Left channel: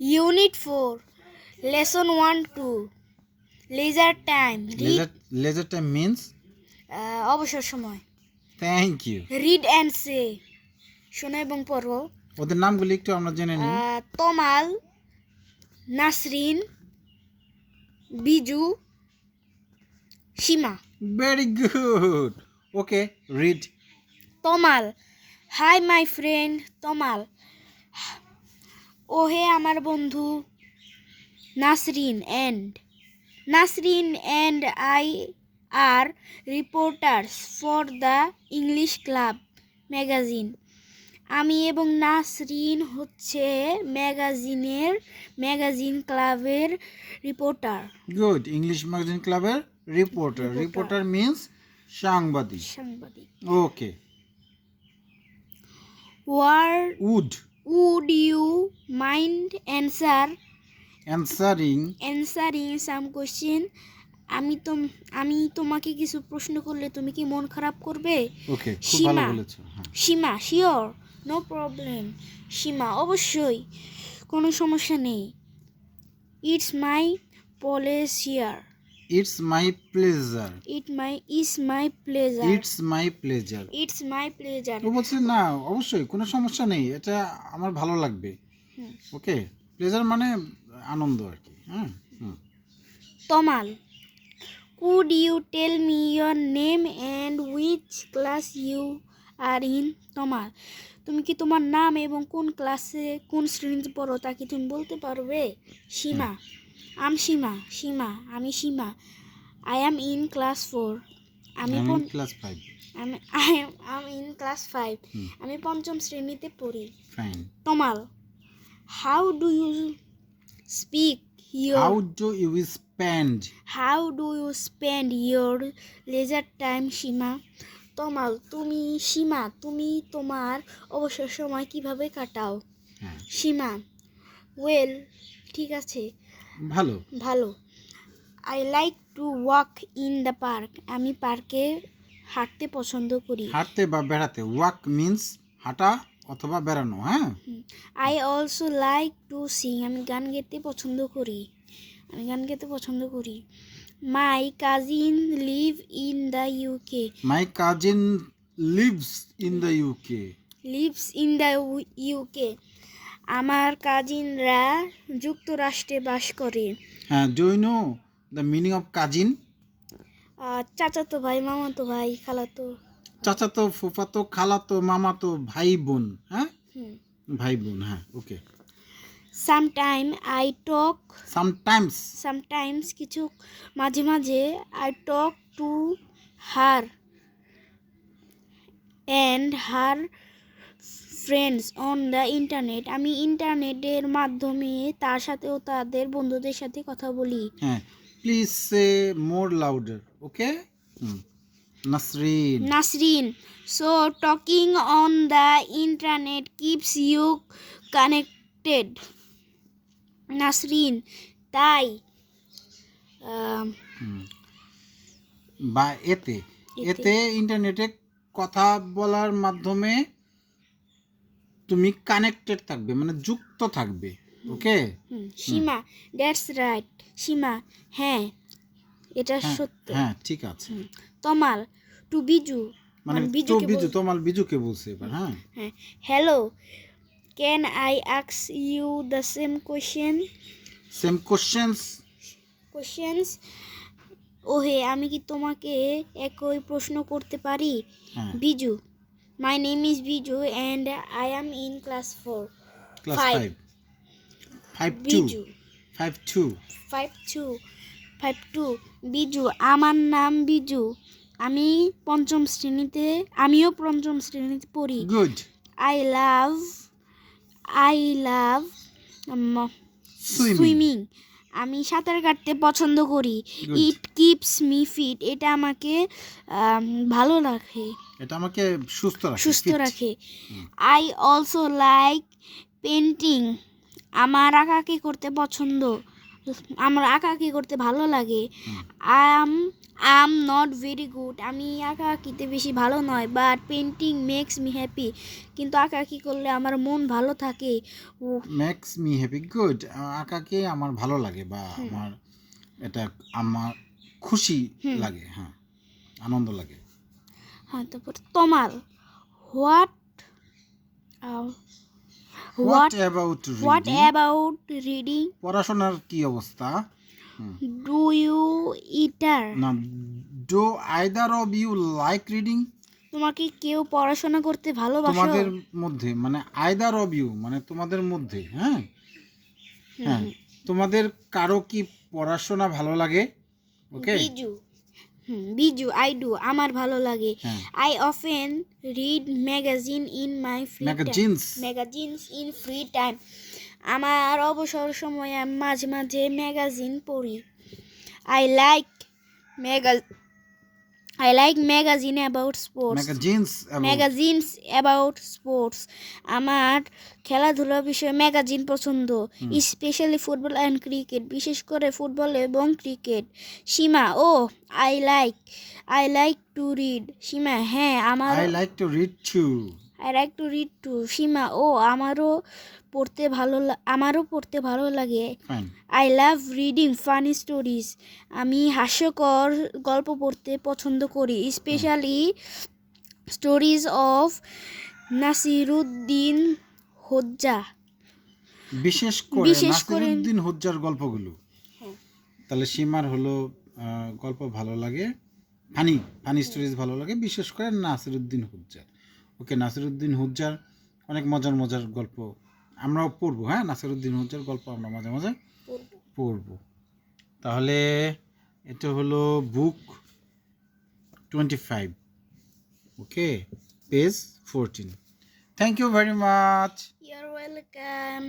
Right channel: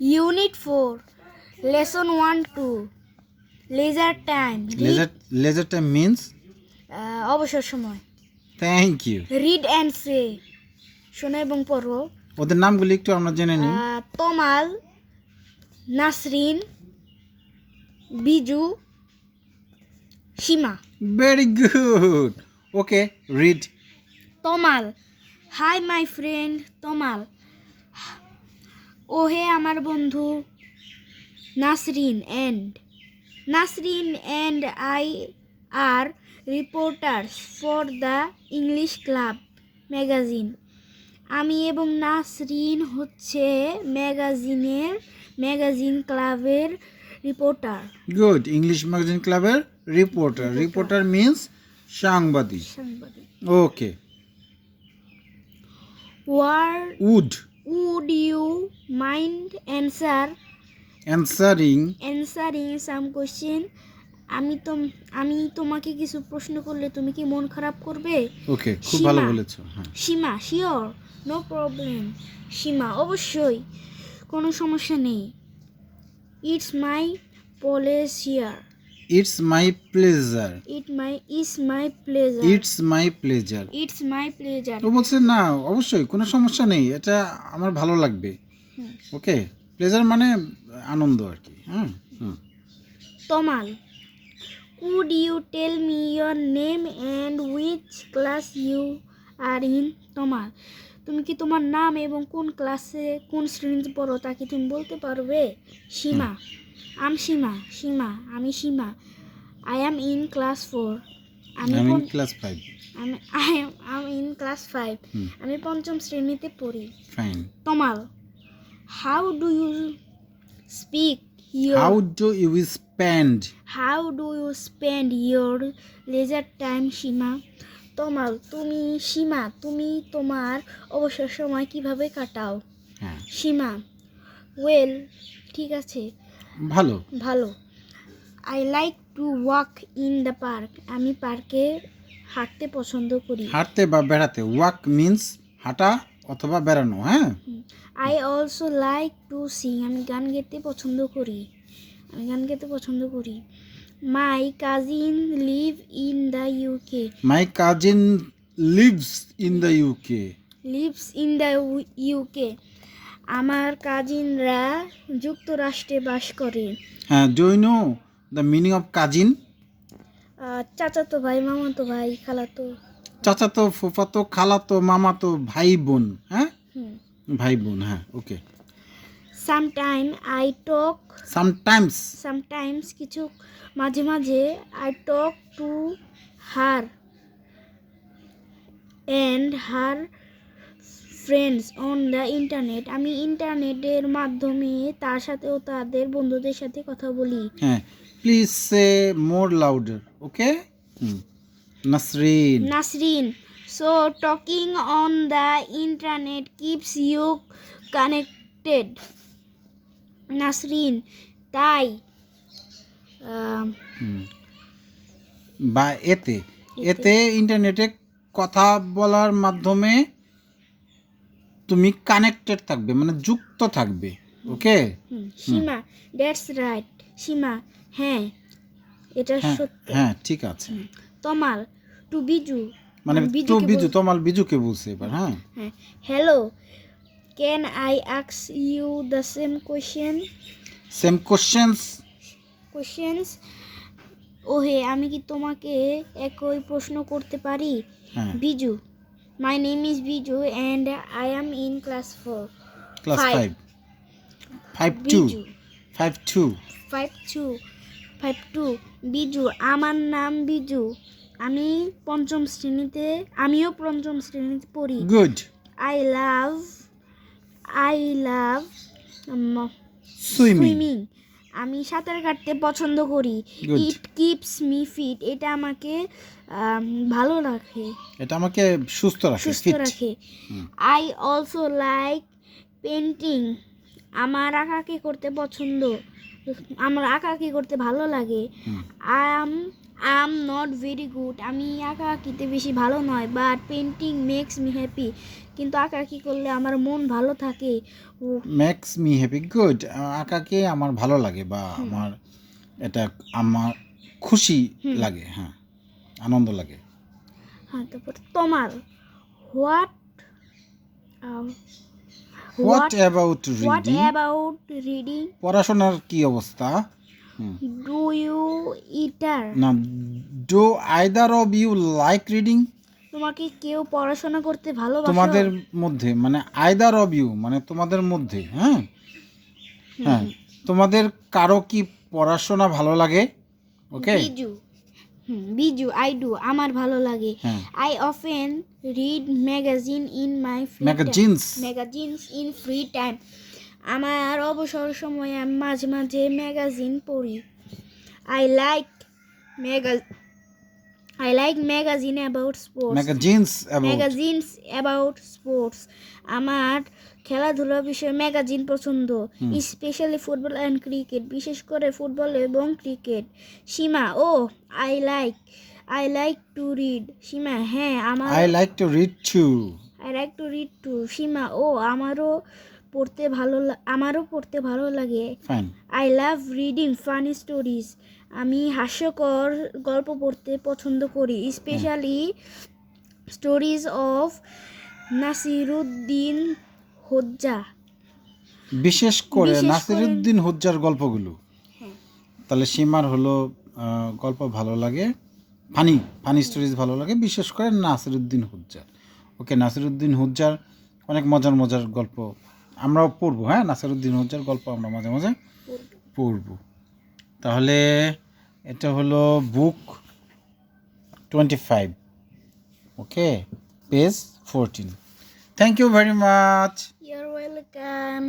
Unit four lesson one two leisure time leisure leisure time means অবসর সময়। Thank you read and say শোনো এবং পড়ো। ওদের নামগুলি একটু আমরা জেনে নিই। আহ, Tamal Nasrin Biju Seema. Very good okay read Tamal. Hi my friend Tamal. ওহে আমার বন্ধু Nasrin and Nasrin and I are reporters for the English club magazine. আমি এবং নাসরিন হচ্ছে ম্যাগাজিনের ম্যাগাজিন ক্লাবের রিপোর্টার। গুড ইংলিশ ম্যাগাজিন ক্লাবের রিপোর্টার। রিপোর্টার। মিন্স সাংবাদিক। সাংবাদিক। Okay were would would you mind answer answering answering some question আমি তো আমি তোমাকে কিছু প্রশ্ন করলে তুমি কি মন খারাপ করবে? ওকে খুব ভালো সীমা। বলেছ হ্যাঁ। Seema sure no problem Seema অবশ্যই কোনো সমস্যা নেই। It's my pleasure it's my pleasure it my is my pleasure it's my pleasure it's my pleasure ও বলছে না অবশ্যই কোনো সমস্যা নেই এটা আমার ভালো লাগবে। ওকে প্লেজার মানে আনন্দ আর কি হ্যাঁ হুম। Tamal could you tell me your name and which class you are in Tamal তুমি কি তোমার নাম এবং কোন ক্লাসে কোন শ্রেণীতে পড়ো তা কি তুমি বলতে পারবে? সীমা। আম সীমা সীমা আমি Seema I am in class four আমি আমি ক্লাস ফাইভ আমি I am in class five আমি পঞ্চম শ্রেণীতে পড়ি। Fine Tamal how do you speak how do you spend how do you spend your leisure time Seema Tamal তুমি সীমা তুমি তোমার অবসর সময় কীভাবে কাটাও? হ্যাঁ। সীমা ওয়েল ঠিক আছে। ভালো। ভালো। I like to walk in the park আমি পার্কে হাঁটতে পছন্দ করি। হাঁটতে বা বেড়াতে। ওয়াক মিন্স হাঁটা অথবা বেড়ানো হ্যাঁ? I also like to sing আমি গান গেতে পছন্দ করি। আমি গান গেতে পছন্দ করি। My cousin live in the UK my cousin lives in the UK lives in the UK আমার কাজিনরা যুক্তরাষ্ট্রে বাস করে। হ্যাঁ do you know the meaning of cousin চাচাতো ভাই মামাতো ভাই খালাতো। চাচাতো ফুফাতো খালাতো মামাতো ভাই বোন হ্যাঁ? ভাই বোন হ্যাঁ okay sometime I talk sometimes sometimes কিছু মাঝে মাঝে I talk to her and her friends on the internet আমি ইন্টারনেটের মাধ্যমে তার সাথেও তাদের বন্ধুদের সাথে কথা বলি। হ্যাঁ please say more louder okay Nasrin Nasrin so talking on the internet keeps you connected Nasrin তাই বা এতে এতে। ইন্টারনেটে কথা বলার মাধ্যমে তুমি কানেক্টেড থাকবে মানে যুক্ত থাকবে ওকে সীমা দ্যাটস রাইট সীমা হ্যাঁ এটা হ্যাঁ সত্য। হ্যাঁ ঠিক আছে। তমাল টু বিজু মানে বিজুকে বিজু তোমার বিজুকে বলছে এবার হ্যাঁ। হ্যাঁ hello can I আক্স you the same question same questions questions ওহে আমি কি তোমাকে একই প্রশ্ন করতে পারি? হ্যাঁ। Biju my name is Biju and I am in class four class Five. Five five two Biju. Five two five two five two Biju আমার নাম বিজু। আমি পঞ্চম শ্রেণীতে আমিও পঞ্চম শ্রেণীতে পড়ি। Good I love I love swimming আমি সাঁতার কাটতে পছন্দ করি। ইট কিপস মি ফিট এটা আমাকে ভালো রাখে। এটা আমাকে সুস্থ রাখে সুস্থ রাখে। আই অলসো লাইক পেন্টিং আমার আঁকাকে করতে পছন্দ। আমার আঁকা আঁকাআঁকি করতে ভালো লাগে। হুম। Um um not very good আমি আঁকাআঁকিতে বেশি ভালো নয় but painting makes me happy কিন্তু আঁকা আঁকাআঁকি করলে আমার মন ভালো থাকে। ও মেক্স মি হ্যাপি গুড আঁকা আঁকাকে আমার ভালো লাগে বা আমার এটা আমার খুশি লাগে হ্যাঁ আনন্দ লাগে। হ্যাঁ তারপর তোমার what what about what reading about reading পড়াশোনার কি অবস্থা। ডু ইউ ইটার না do either of you like reading তোমাকে কেউ পড়াশোনা করতে ভালোবাসে? তোমাদের মধ্যে মানে আইদার অফ ইউ মানে তোমাদের মধ্যে হ্যাঁ? হ্যাঁ। তোমাদের কারও কি পড়াশোনা ভালো লাগে? ওকে বিজু আই ডু আমার ভালো লাগে। I often read magazine in my free magazines magazines in free time আমার অবসর সময়ে মাঝে মাঝে ম্যাগাজিন পড়ি। I like mega I like magazine about sports magazines about magazines about sports আমার খেলাধুলা বিষয়ে ম্যাগাজিন পছন্দ। স্পেশালি ফুটবল অ্যান্ড ক্রিকেট বিশেষ করে ফুটবল এবং cricket Seema O I like I like to read Seema হ্যাঁ আমার I like to read to I like to read to Seema ও আমারও পড়তে ভালো আমারও পড়তে ভালো লাগে। I love reading funny stories আমি হাস্যকর গল্প পড়তে পছন্দ করি specially stories of Nasiruddin Hodja বিশেষ করে নাসিরুদ্দিন হুজ্জার গল্পগুলো। হ্যাঁ। তাহলে সীমার হলো গল্প ভালো লাগে ফানি ফানি স্টোরিজ ভালো লাগে বিশেষ করে নাসিরুদ্দিন হুজ্জার ওকে নাসিরুদ্দিন হুজ্জার অনেক মজার মজার গল্প আমরাও পড়ব হ্যাঁ? নাসিরুদ্দিন হজ্জার গল্প আমরা মাঝে মাঝে পড়ব। তাহলে এটা হলো book twenty five okay page fourteen thank you very much your welcome